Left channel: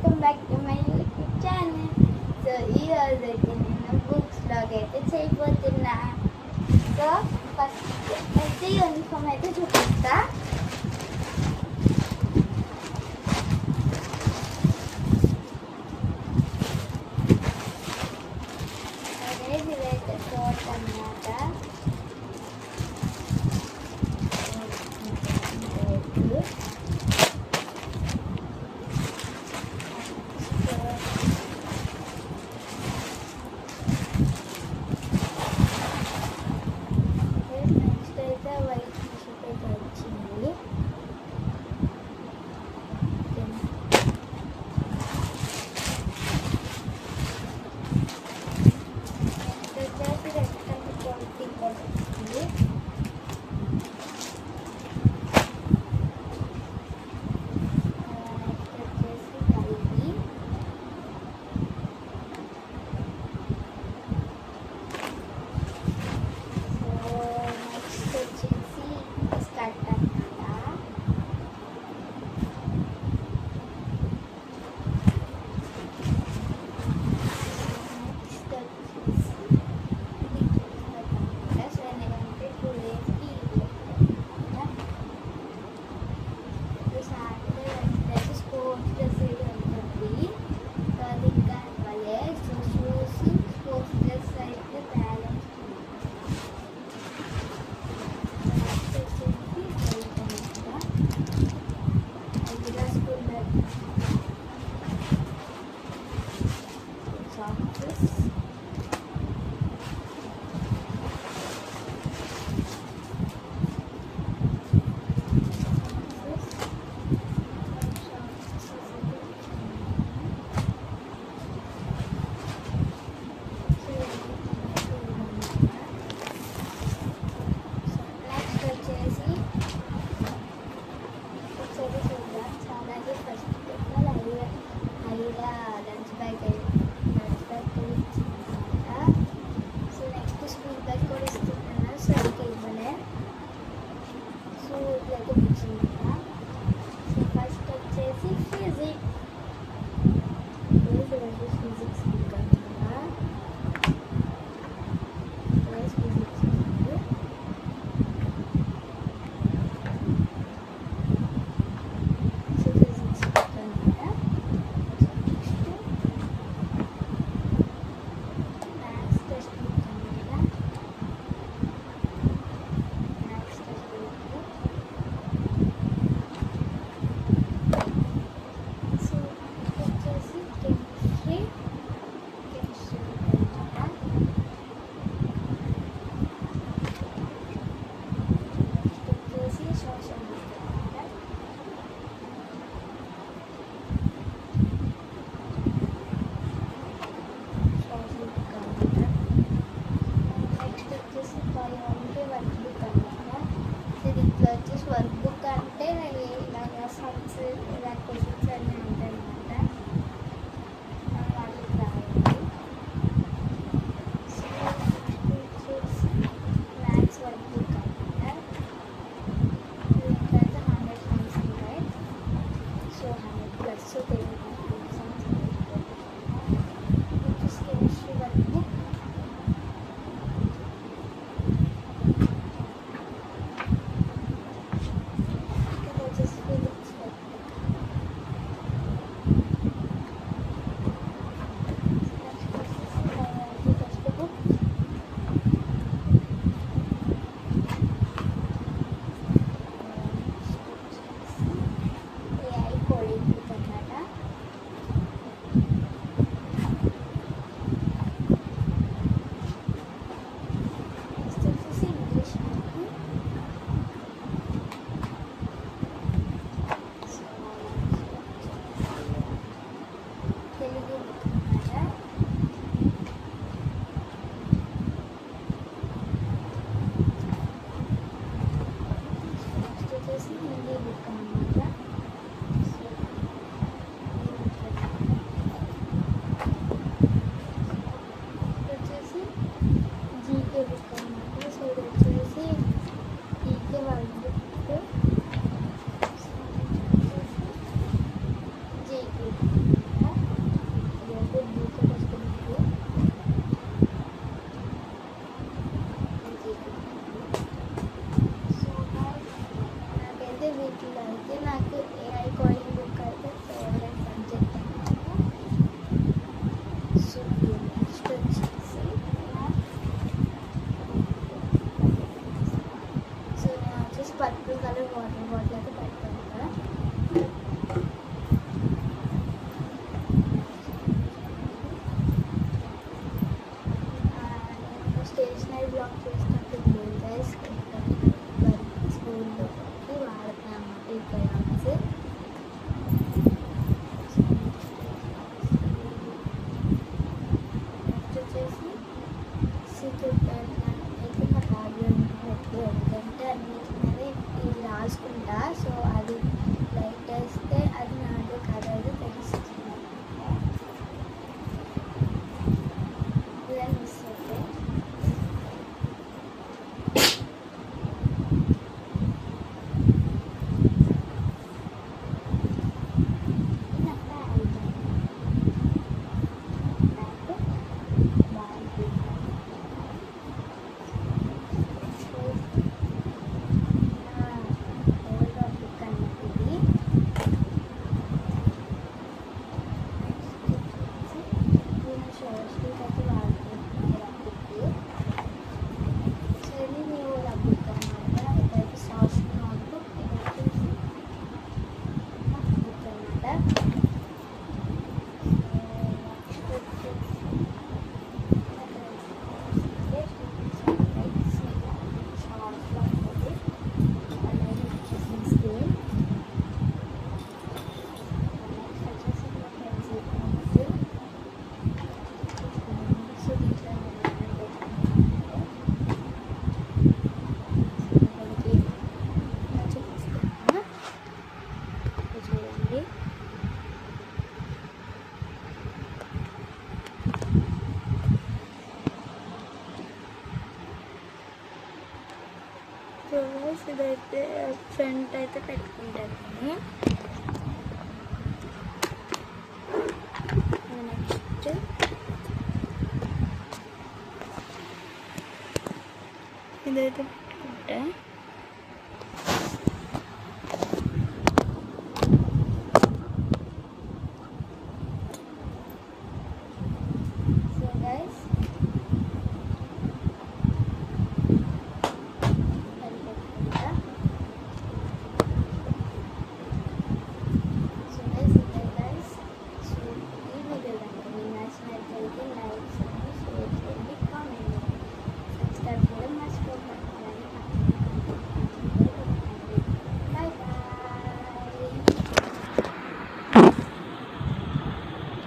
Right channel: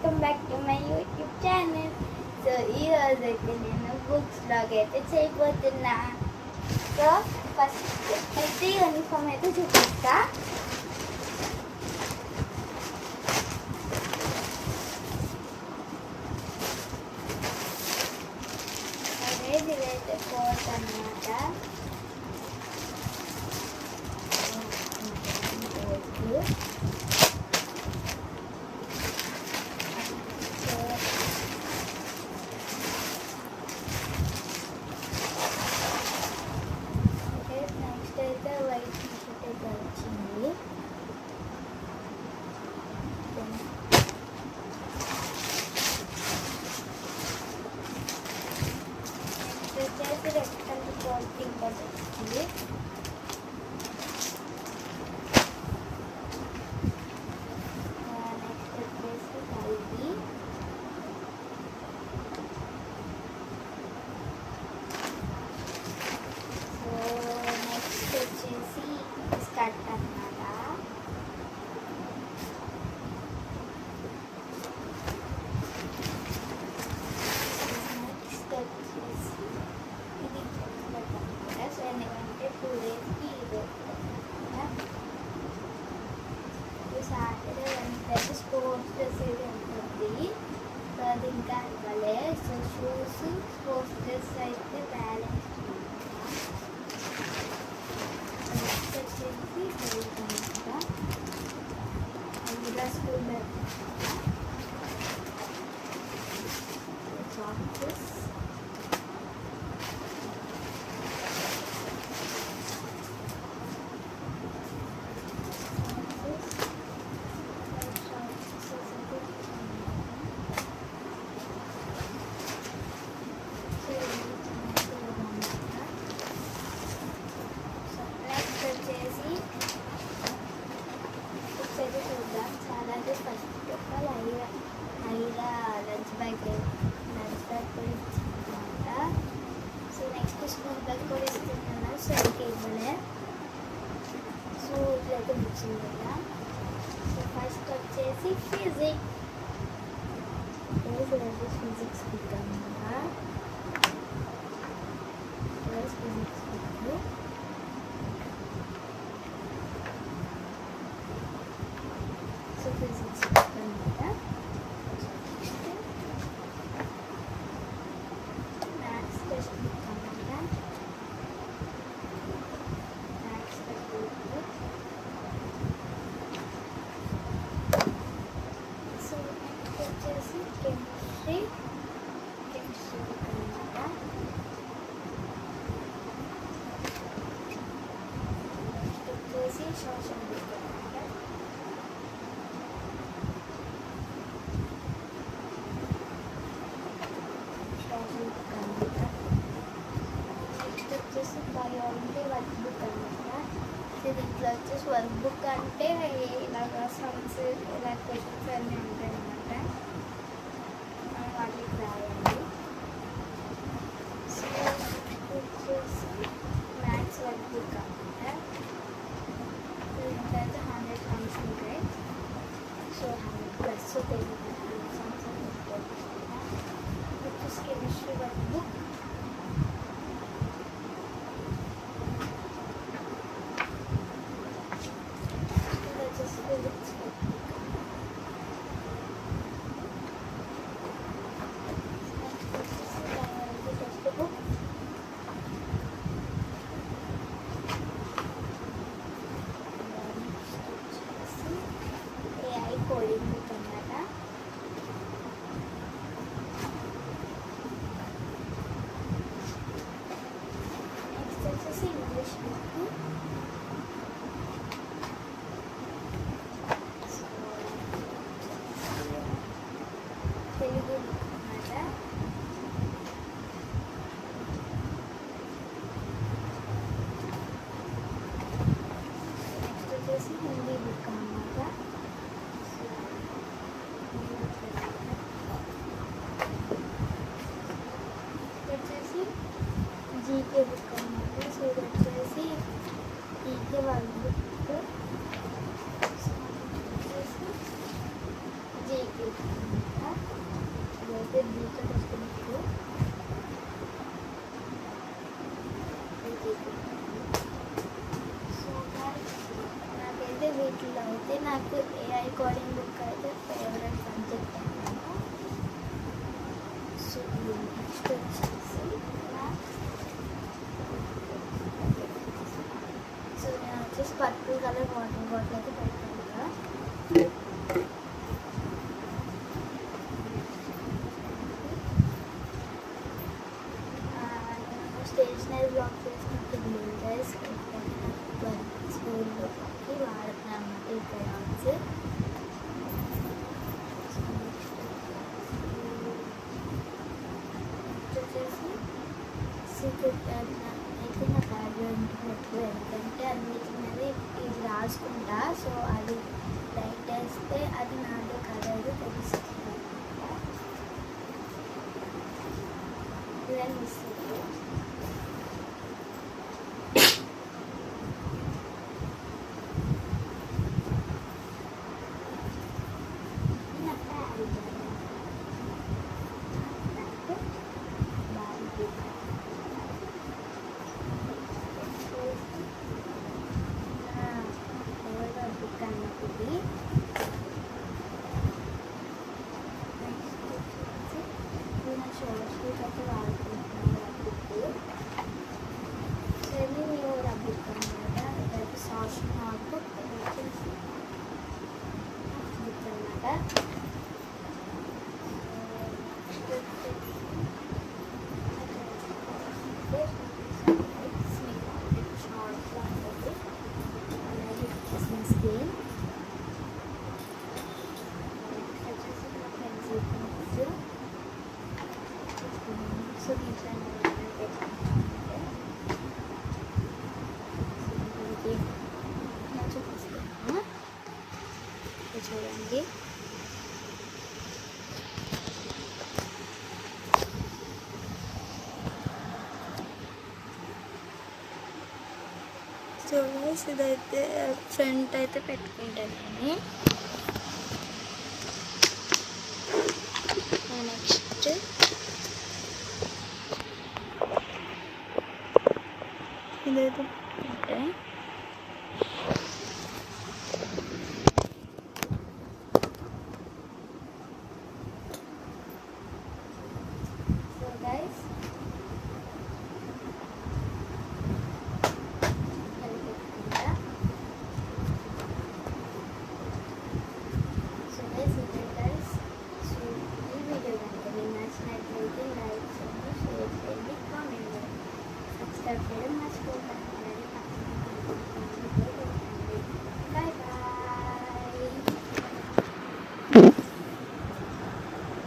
Welcome back to my YouTube channel. So ఈరోజు అయితే నేను బుక్స్ బ్లాగ్ అయితే చేయబోతున్నా. సో ఫస్ట్ అయితే యూనిఫామ్ అయితే చూపిస్తా. ఇదైతే కోట్ అన్నమాట. నెక్స్ట్ అయితే వైట్ టీషర్ట్ అయితే వచ్చింది. నెక్స్ట్ వచ్చేసి red colour coat T shirt వచ్చింది. స్పోర్ట్స్ డ్రెస్ ఇది ఉంటుంది. సో అది ఇంకా ఇవ్వలే. సో షూస్ స్పోర్ట్స్ డ్రెస్ అయితే బ్యాలెన్స్ వచ్చేసి అందులో స్కూల్ బ్యాగ్ సాక్సెస్ చూద్దాం. చాలాగే ఫస్ట్ ఒక హైరా లంచ్ బ్యాగ్ కూడా ఇచ్చిందన్నమాట. సో నెక్స్ట్ స్కూల్ బ్యాగ్ కూడా ఇస్తున్నా. సో ఇంకా ఇవ్వలే. సో ఇట్లయితే ఇచ్చింది కదా. సో ఫస్ట్ వచ్చేసి ఫిజిక్స్ బుక్ అన్నమాట. ఫిజిక్స్ బుక్ వర్క్ బుక్ అనమాట. దీంట్లో వచ్చేసి వర్క్ బుక్ అంటే ఇలాగా సమ్స్ ఇలా క్వశ్చన్స్ అన్నీ ఉంటాయి అనమాట. మనం వాటికి రాయాలి. సో వచ్చేసి మ్యాథ్స్ వర్క్ బుక్ అనమాట. దీంట్లో అయితే 100 సమ్స్ ఉంటాయి. సో 100 ప్లస్ సమ్స్ వచ్చేసి chemistry work book. Telugu book అన్నమాట. నెక్స్ట్ వచ్చేసి హిందీ బుక్ అన్నమాట. వచ్చేసి జీకే బుక్ అన్నమాట. సో ఇది వచ్చేసి GK work book. GK friends, ఇదైతే ఫ్రంట్ అయితే పెట్టుకుంటాను. నెక్స్ట్ ఇదైతే పెట్టుకుంటే